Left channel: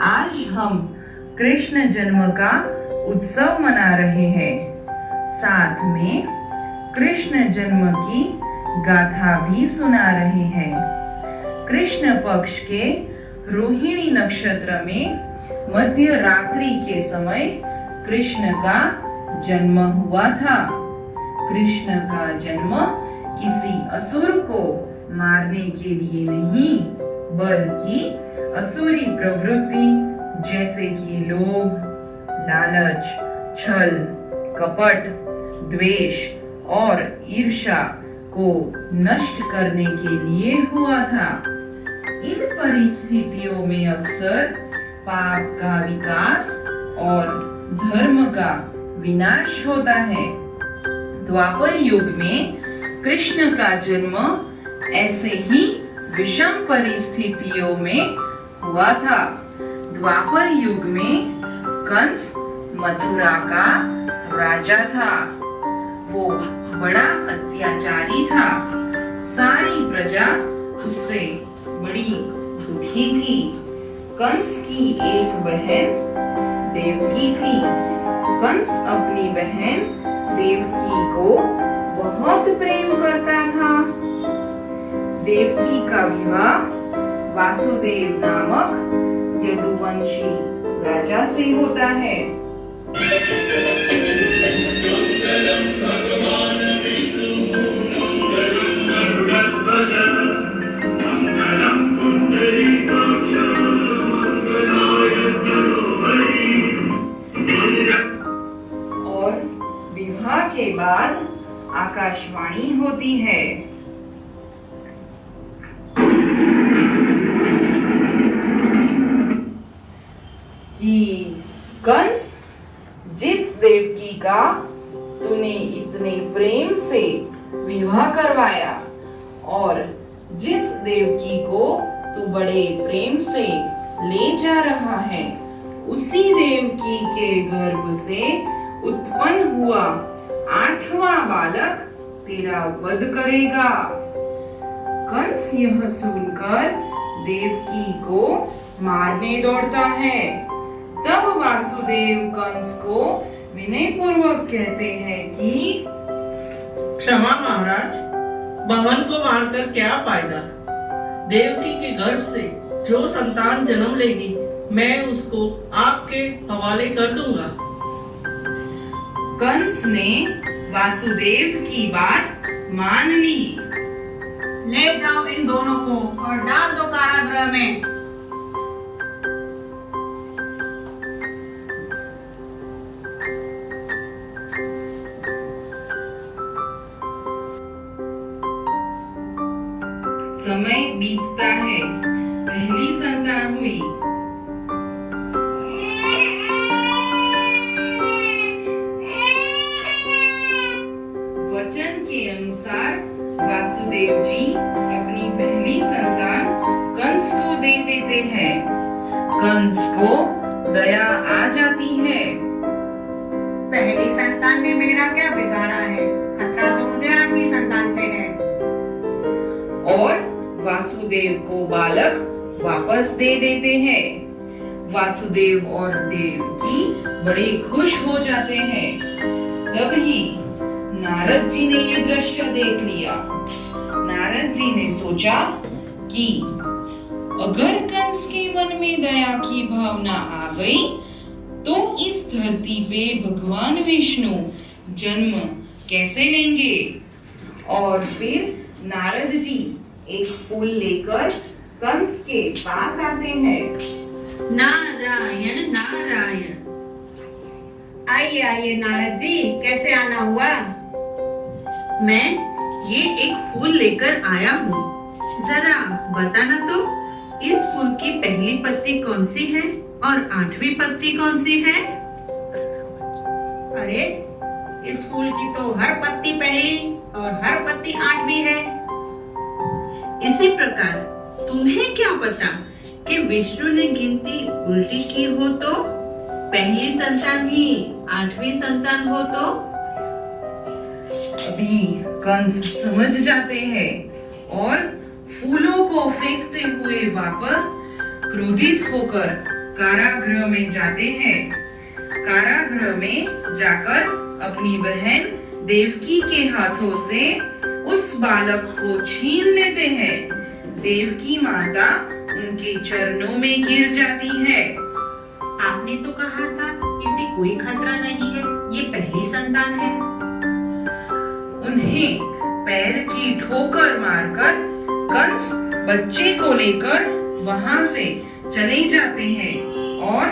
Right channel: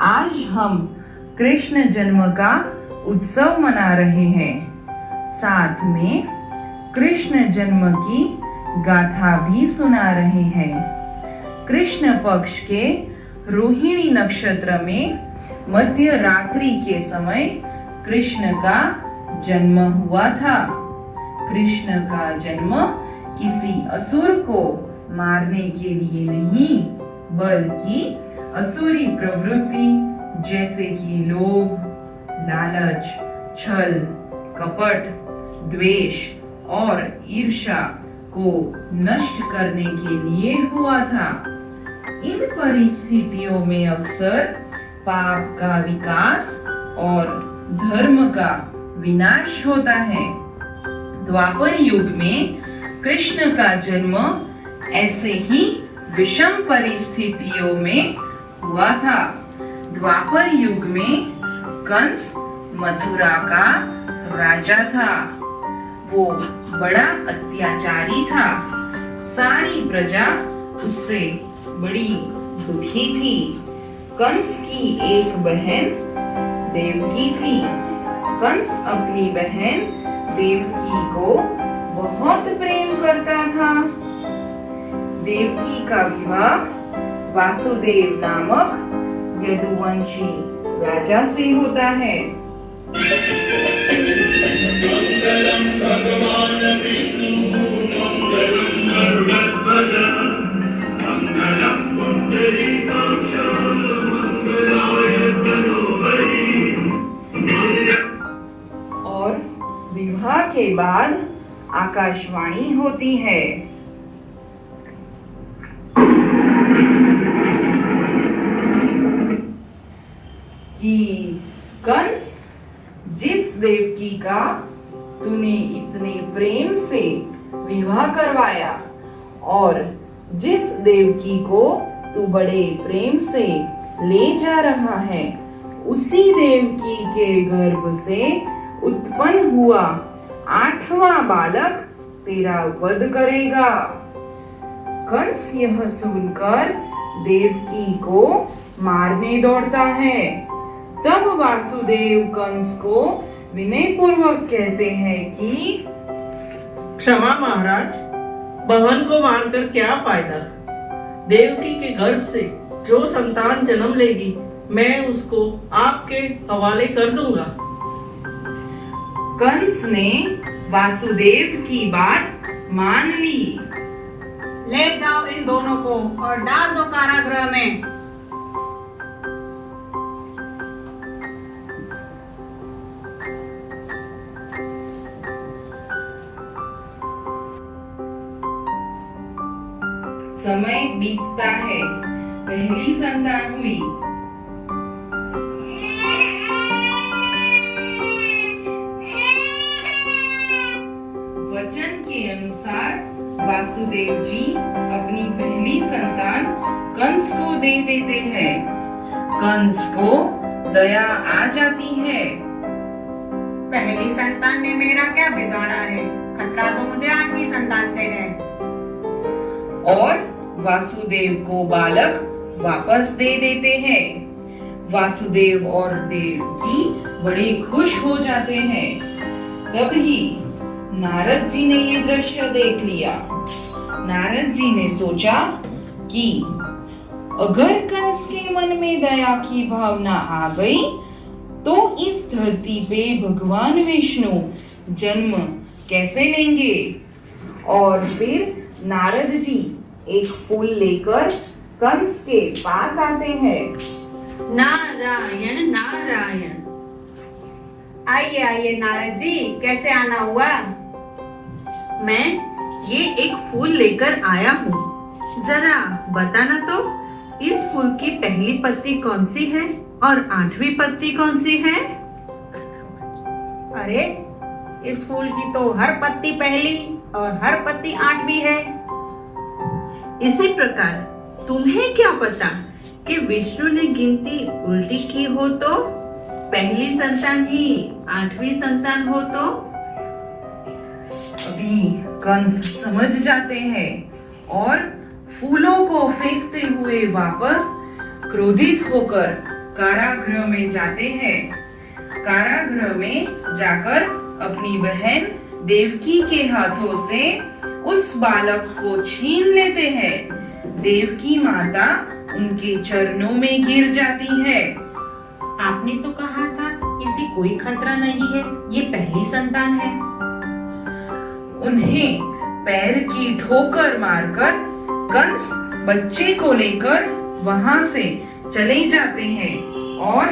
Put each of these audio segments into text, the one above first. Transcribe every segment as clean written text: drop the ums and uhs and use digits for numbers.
आज हम कृष्ण जन्म का उत्सव मना रहे हैं। साथ में कृष्ण जन्म की गाथा भी सुना रहे हैं। कृष्ण पक्ष के रोहिणी नक्षत्र में मध्य रात्रि के समय कृष्ण का जन्म हुआ था। कृष्ण का जन्म किसी असुर को मारने के लिए नहीं, बल्कि असुरी प्रवृत्ति जैसे कि लोभ, लालच, छल, कपट, द्वेष और ईर्ष्या को नष्ट करने के लिए हुआ था। इन परिस्थितियों में अक्सर पाप का विकास और धर्म का विनाश होता है। द्वापर युग में कृष्ण का जन्म ऐसे ही विषम परिस्थितियों में हुआ था। द्वापर युग में कंस मथुरा का राजा था। वो बड़ा अत्याचारी था। सारी प्रजा उससे बड़ी दुखी थी। कंस की एक बहन देवकी थी। कंस अपनी बहन देवकी को बहुत प्रेम करता था। देवकी का विवाह वासुदेव नामक यदुवंशी राजा से होता है। और विवाह के बाद आकाशवाणी होती है। कि कंस, जिस देवकी का तूने इतने प्रेम से विवाह करवाया और जिस देवकी को तू बड़े प्रेम से ले जा रहा है, उसी देवकी के गर्भ से उत्पन्न हुआ 8वां बालक तेरा वध करेगा। कंस यह सुनकर देवकी को मारने दौड़ता है। तब वासुदेव कंस को विनय पूर्वक कहते हैं कि क्षमा महाराज, बहन को मारकर क्या फायदा। देवकी के गर्भ से जो संतान जन्म लेगी, मैं उसको आपके हवाले कर दूंगा। कंस ने वासुदेव की बात मान ली। ले जाओ इन दोनों को और डाल दो कारागृह में। समय बीतता है। पहली संतान हुई। वचन के अनुसार वासुदेव जी अपनी पहली संतान कंस को दे देते हैं। कंस को दया आ जाती है। पहली संतान ने मेरा क्या बिगाड़ा है? खतरा तो मुझे 8वीं संतान से है। और वासुदेव को बालक वापस दे देते हैं। वासुदेव और देवकी बड़े खुश हो जाते हैं। तभी नारद जी ने ये दृश्य देख लिया। नारद जी ने सोचा कि अगर कंस के मन में दया की भावना आ गई, तो इस धरती पे भगवान विष्णु जन्म कैसे लेंगे। और फिर नारद जी एक फूल लेकर कंस के पास आते हैं। नारायण नारायण। आइए आइए नारद जी, कैसे आना हुआ? मैं ये एक फूल लेकर आया हूँ। जरा बताना तो, इस फूल की पहली पत्ती कौन सी है और 8वीं पत्ती कौन सी है? अरे, इस फूल की तो हर पत्ती पहली और हर पत्ती 8वीं है। इसी प्रकार तुम्हें क्या पता कि विष्णु ने गिनती उल्टी की हो तो पहली संतान ही 8वीं संतान हो तो? अभी कंस समझ जाते हैं और फूलों को फेंकते हुए वापस क्रोधित होकर कारागृह में जाते हैं। कारागृह में जाकर अपनी बहन देवकी के हाथों से उस बालक को छीन लेते हैं। देवकी माता उनके चरणों में गिर जाती है। आपने तो कहा था इसे कोई खतरा नहीं है, ये पहली संतान है। उन्हें पैर की ठोकर मारकर कंस बच्चे को लेकर वहां से चले जाते हैं और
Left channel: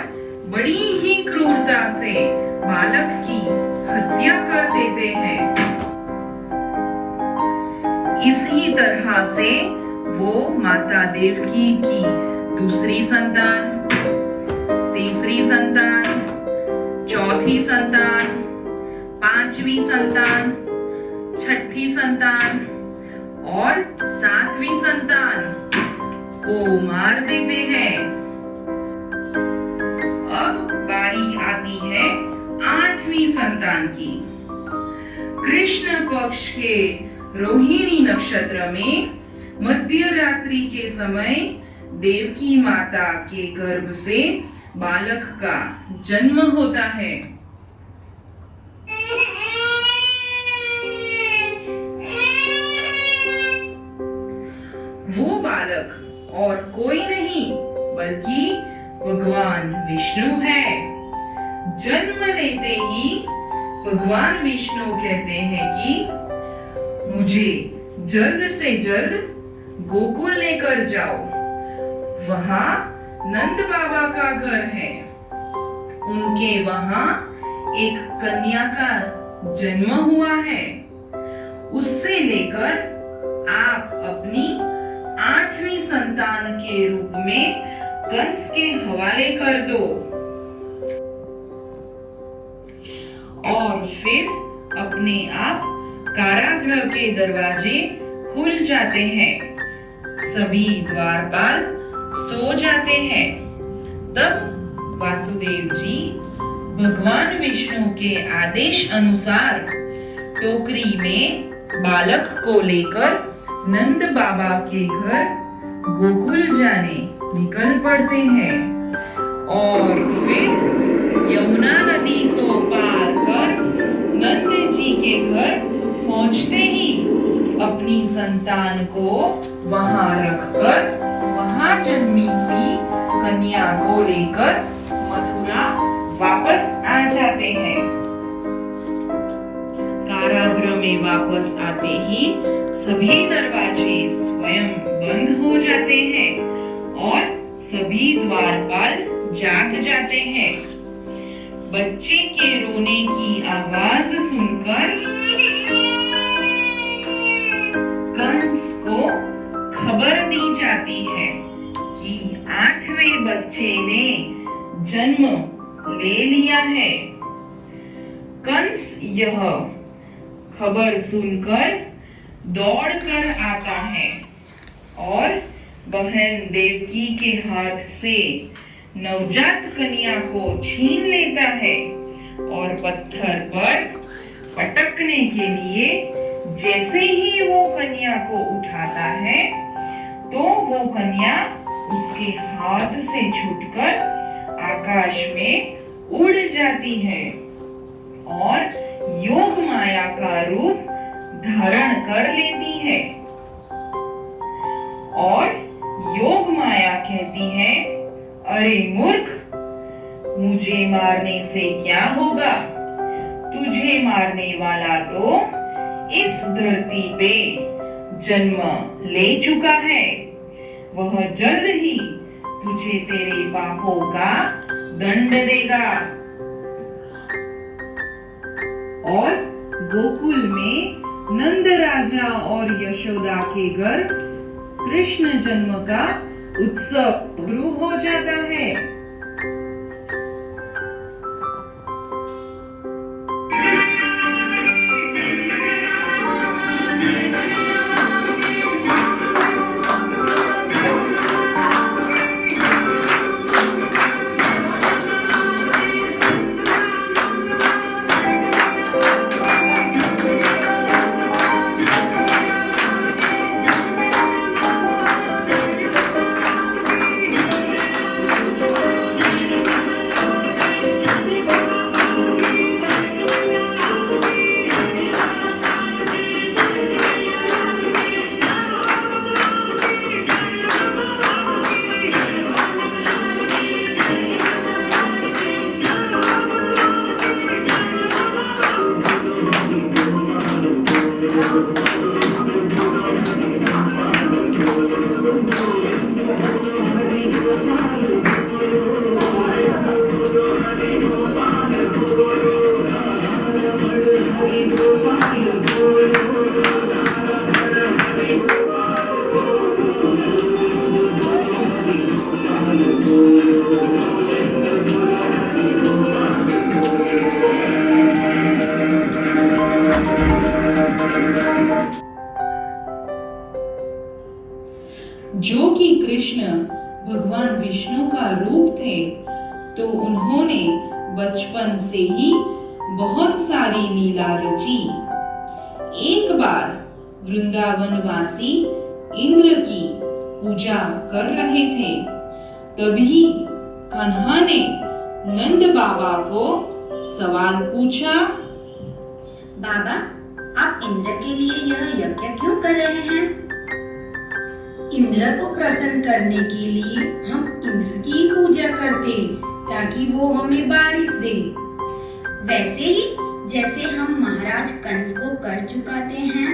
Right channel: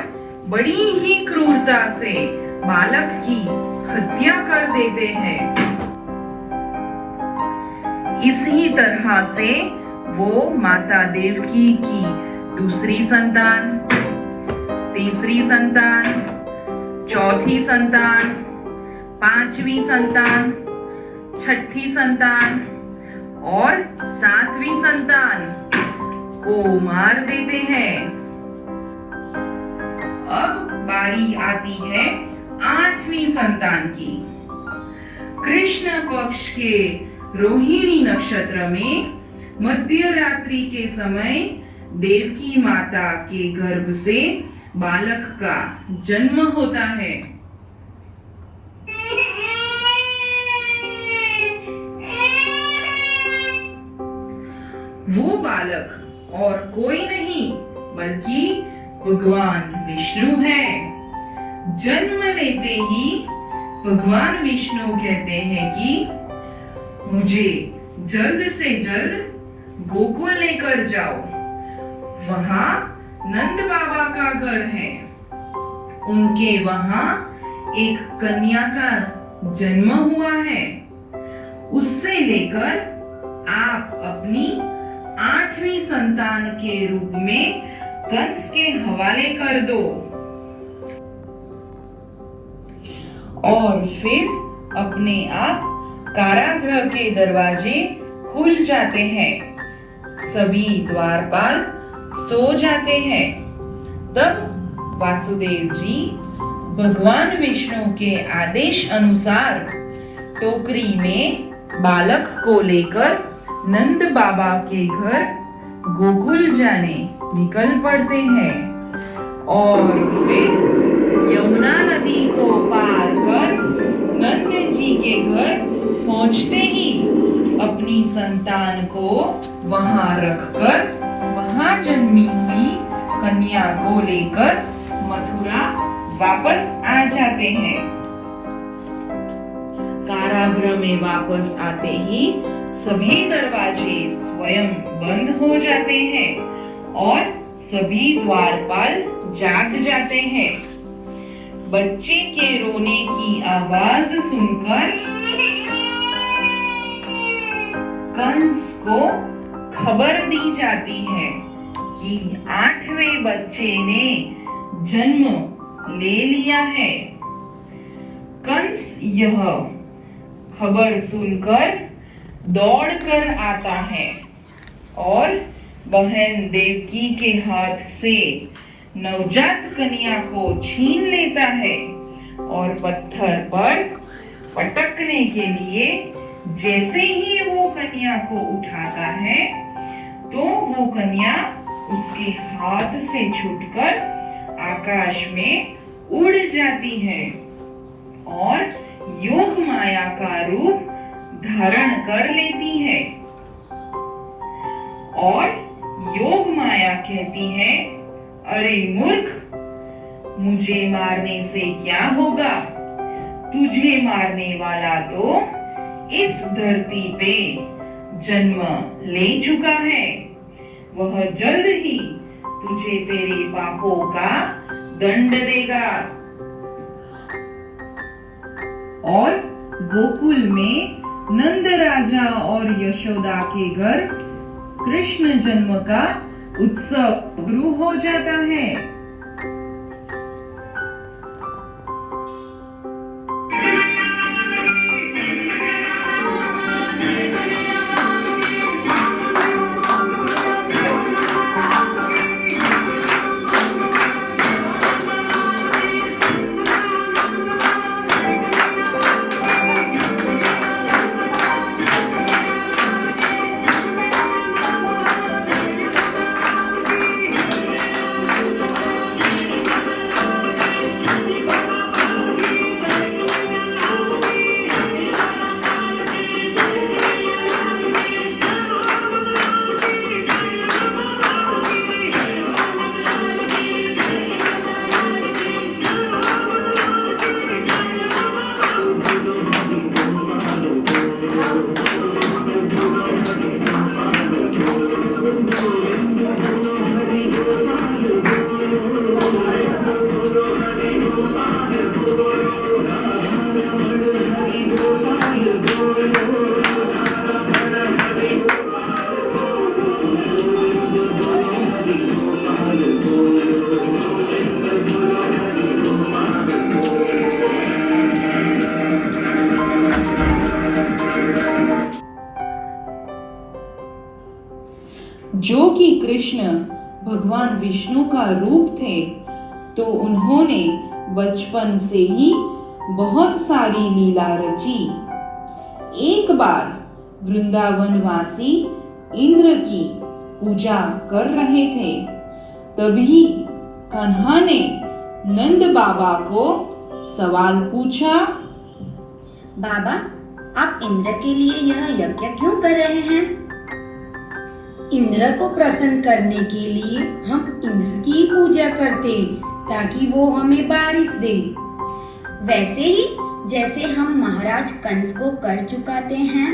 बड़ी ही क्रूरता से बालक की हत्या कर देते हैं। इसी तरह से वो माता देवकी की दूसरी संतान, तीसरी संतान, चौथी संतान, पांचवी संतान, छठी संतान और सातवीं संतान को मार देते हैं। अब बारी आती है आठवीं संतान की। कृष्ण पक्ष के रोहिणी नक्षत्र में मध्य रात्रि के समय देवकी माता के गर्भ से बालक का जन्म होता है। वो बालक और कोई नहीं बल्कि भगवान विष्णु है। जन्म लेते ही भगवान विष्णु कहते हैं कि मुझे जल्द से जल्द गोकुल लेकर जाओ। वहां नंद बाबा का घर है। उनके वहां एक कन्या का जन्म हुआ है। उससे लेकर आप अपनी आठवीं संतान के रूप में कंस के हवाले कर दो। और फिर अपने आप कारागृह के दरवाजे खुल जाते हैं। सभी द्वारपाल सो जाते हैं। तब वासुदेव जी भगवान विष्णु के आदेश अनुसार टोकरी में बालक को लेकर नंद बाबा के घर गोकुल जाने निकल पड़ते हैं और फिर यमुना नदी को पार कर नंद जी के घर पहुंचते ही अपनी संतान को वहां रखकर वहां जन्मी हुई कन्या को लेकर मथुरा वापस आ जाते हैं। कारागृह में वापस आते ही सभी दरवाजे स्वयं बंद हो जाते हैं और सभी द्वारपाल जाग जाते हैं। बच्चे के रोने की आवाज सुनकर कंस को खबर दी जाती है कि आठवें बच्चे ने जन्म ले लिया है। कंस यह खबर सुनकर दौड़कर आता है और बहन देवकी के हाथ से नवजात कन्या को छीन लेता है और पत्थर पर पटकने के लिए जैसे ही वो कन्या को उठाता है तो वो कन्या उसके हाथ से छूटकर आकाश में उड़ जाती है और योग माया का रूप धारण कर लेती है। और योग माया कहती है, अरे मूर्ख, मुझे मारने से क्या होगा? तुझे मारने वाला तो इस धरती पे जन्म ले चुका है। वह जल्द ही तुझे तेरे पापों का दंड देगा। और गोकुल में नंद राजा और यशोदा के घर कृष्ण जन्म का उत्सव शुरू हो जाता है। जो कि कृष्ण भगवान विष्णु का रूप थे, तो उन्होंने बचपन से ही बहुत सारी लीला रची। एक बार वृंदावनवासी इंद्र की पूजा कर रहे थे, तभी कान्हा ने नंद बाबा को सवाल पूछा। बाबा, आप इंद्र के लिए यह यज्ञ क्यों कर रहे हैं? इंद्र को प्रसन्न करने के लिए हम इंद्र की ही पूजा करते, ताकि वो हमें बारिश दे। वैसे ही जैसे हम महाराज कंस को कर चुकाते हैं।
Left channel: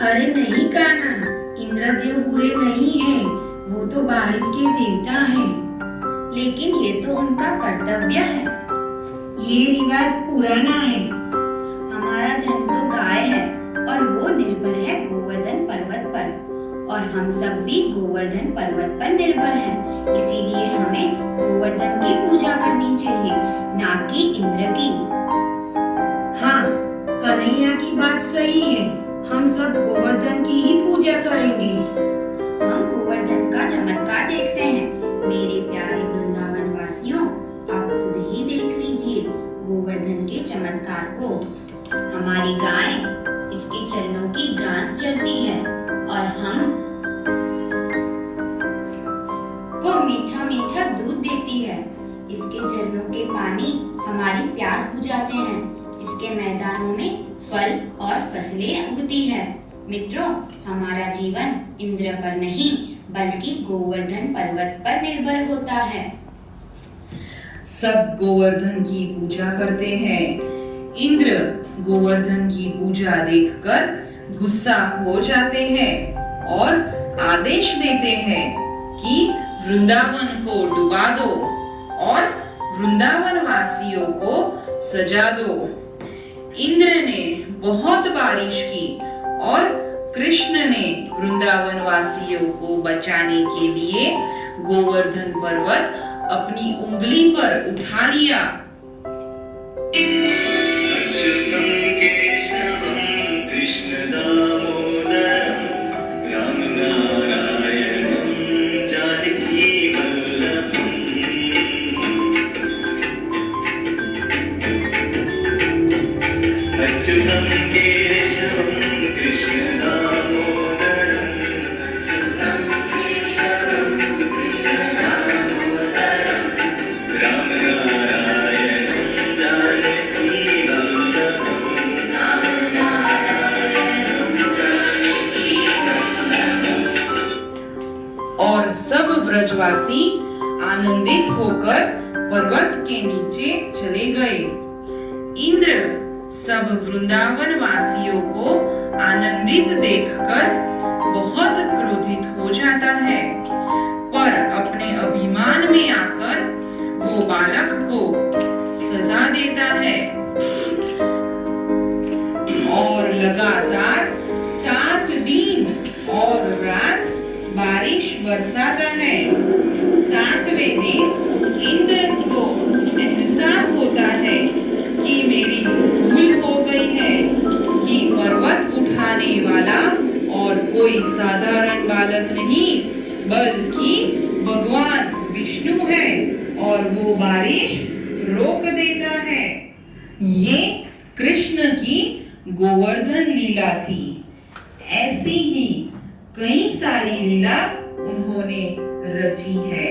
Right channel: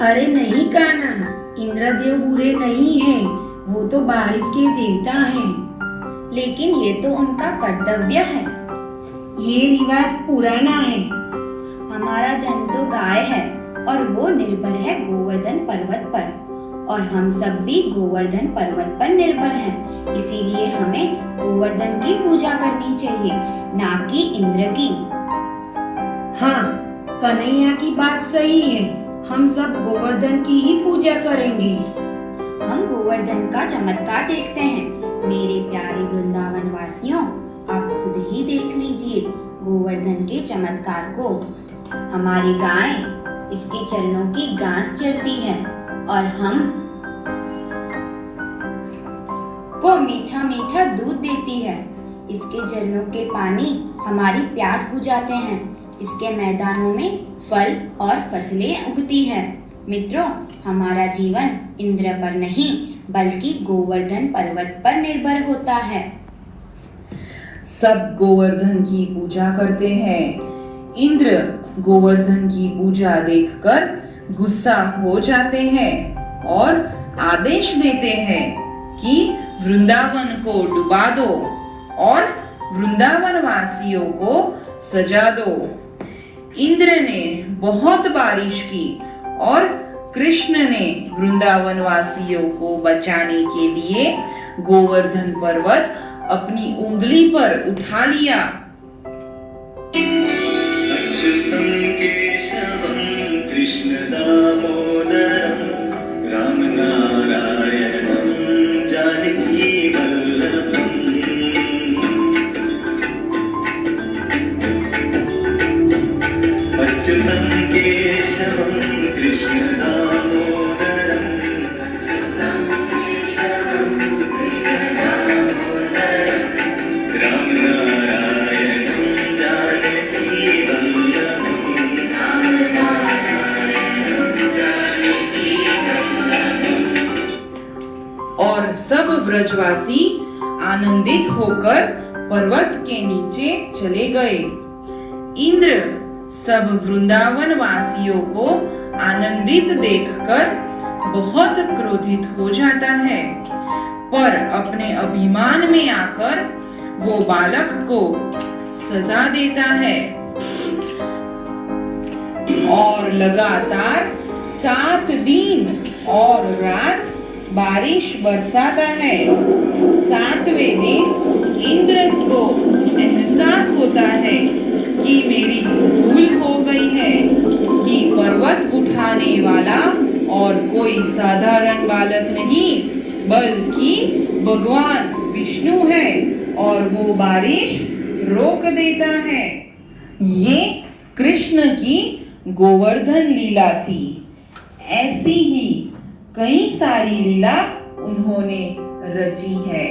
अरे नहीं कान्हा, इंद्रदेव बुरे नहीं हैं, वो तो बारिश के देवता हैं। लेकिन ये तो उनका कर्तव्य है। ये रिवाज पुराना है। हमारा धन तो गाय है और वो निर्भर है गोवर्धन पर्वत पर, और हम सब भी गोवर्धन पर्वत पर निर्भर हैं। इसीलिए हमें गोवर्धन की पूजा करनी चाहिए, ना कि इंद्र की। हाँ, कन्हैया की बात सही है। हम सब गोवर्धन की ही पूजा करेंगे। हम गोवर्धन का चमत्कार देखते हैं। मेरे प्यारे वृंदावन वासियों, आप खुद ही देख लीजिए गोवर्धन के चमत्कार को। हमारी गाय इसके चरणों की घास चरती है और हम को मीठा मीठा दूध देती है। इसके चरणों के पानी हमारी प्यास बुझाते हैं। इसके मैदानों में फल और फसलें उगती है। मित्रों, हमारा जीवन इंद्र पर नहीं बल्कि गोवर्धन पर्वत पर निर्भर होता है। सब गोवर्धन की पूजा करते हैं। इंद्र गोवर्धन की पूजा देखकर गुस्सा हो जाते हैं और आदेश देते हैं कि वृंदावन को डुबा दो और वृंदावन वासियों को सजा दो। इंद्र ने बहुत बारिश की और कृष्ण ने वृंदावन वासियों को बचाने के लिए गोवर्धन पर्वत अपनी उंगली पर उठा लिया। और सब ब्रजवासी आनंदित होकर पर्वत के नीचे चले गए। इंद्र सब वृंदावन वासियों को आनंदित देखकर बहुत क्रोधित हो जाता है, पर अपने अभिमान में आकर वो बालक को सजा देता है और लगातार 7 दिन और रात बारिश बरसाता है। 7वें दिन इंद्र को एहसास होता है कि मेरी भूल हो गई है, कि पर्वत उठाने वाला और कोई साधारण बालक नहीं बल्कि भगवान विष्णु है और वो बारिश रोक देता है। ये कृष्ण की गोवर्धन लीला थी। ऐसी ही कई सारी लीला उन्होंने रची है।